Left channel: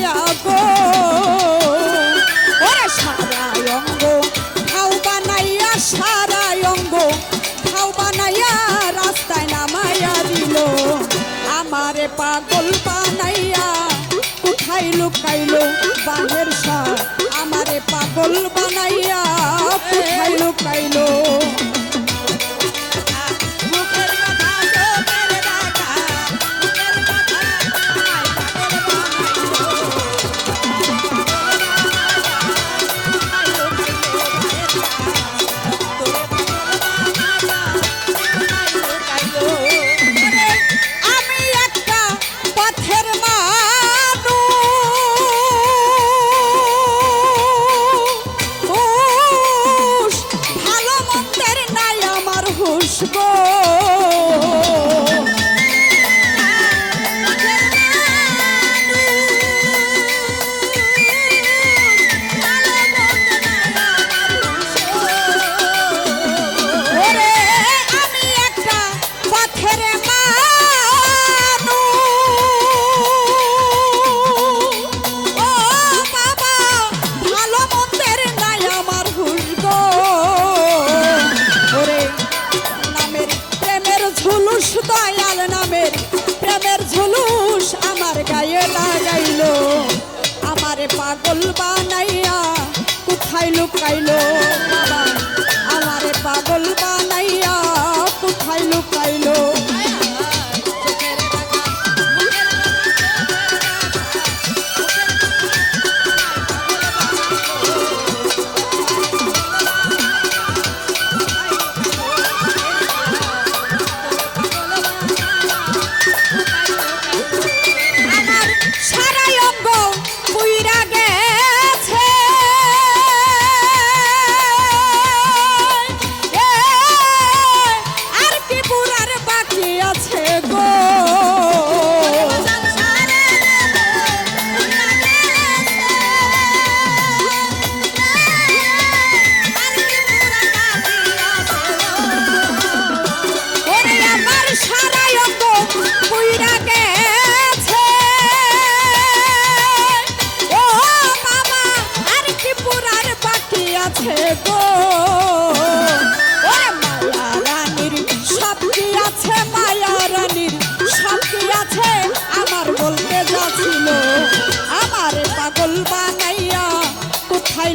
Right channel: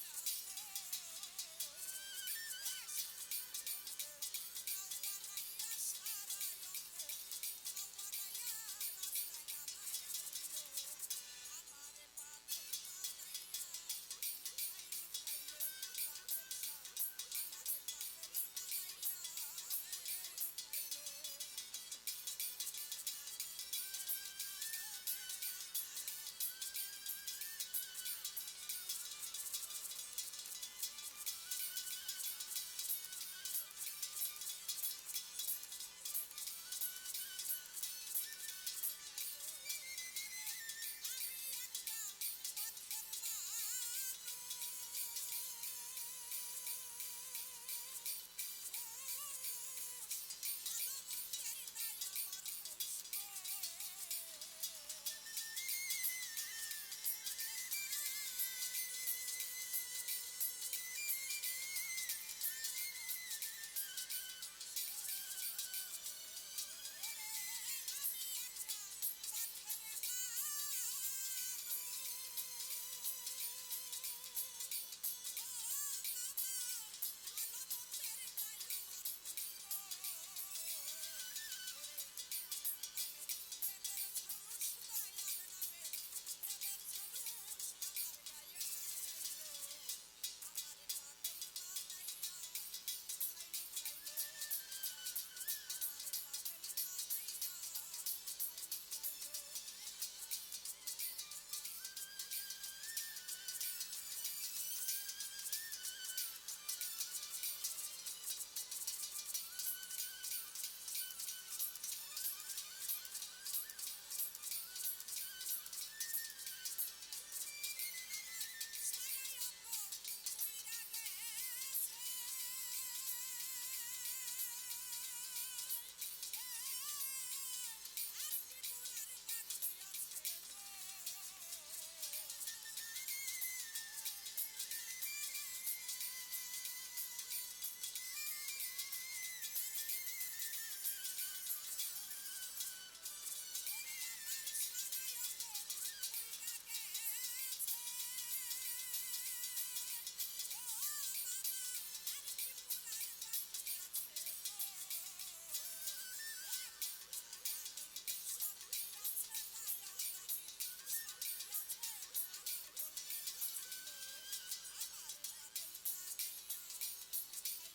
বানাইয়া গো ওরে সারা অঙ্গ ঠাউ বানাইয়া সারা অঙ্গ ঠাউ বানাইয়া রাস্তায় নামাইয়া দিল আমারে পাগল বানাইয়া কোথায় লুকাইলো বাহের সার আমারে পাগল বানাইয়া কোথায় লুকাইলো পাগল বানাইয়া কোথায় লুকাইলো বাবা আমারে পাগল বানাইয়া কোথায় লুকাইলো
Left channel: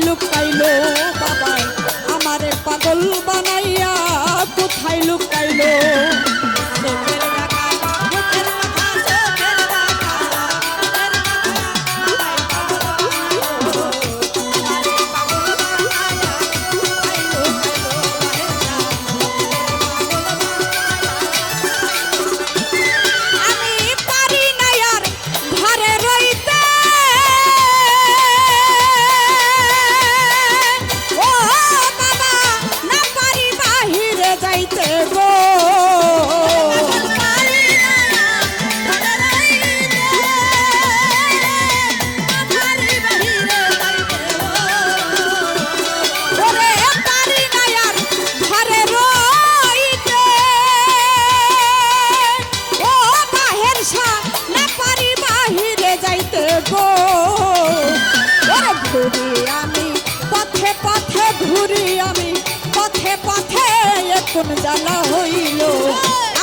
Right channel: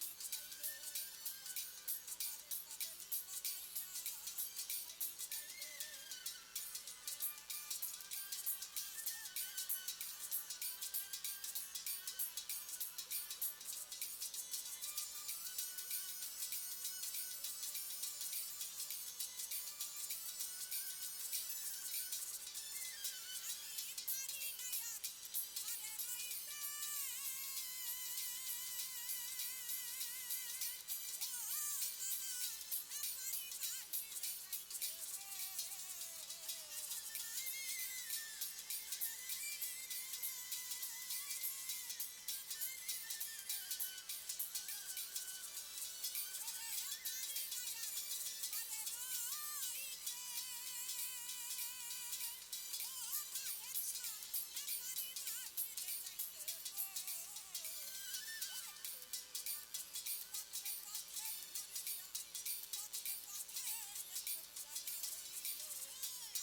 লুকাইলো বাবা আমারে পাগল বানাইয়া কোথায় লুকাইলো কোন জ্বালা হইল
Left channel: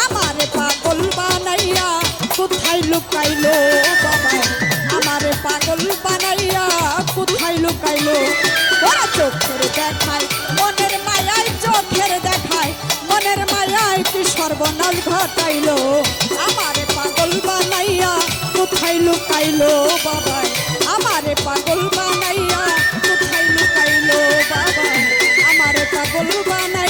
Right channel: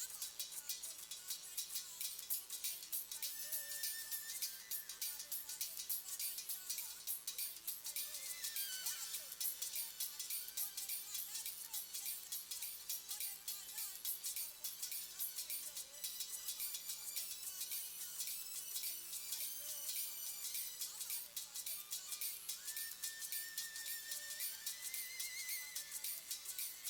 আমারে পাগল বানাইয়া কোথায় লুকাইলো বাবা আমারে পাগল বানাইয়া কোথায় লুকাইলো ওরা চোখের দেখায় মনের মায়ায় চোখের দেখায় মনের মায়ায় কি সর্বনাশ ঘটাইলো আমারে পাগল বানাইয়া কোথায় লুকাইলো বাবা আমারে পাগল বানাইয়া কোথায় লুকাইলো বাবা আমারে পাগল বানাইয়া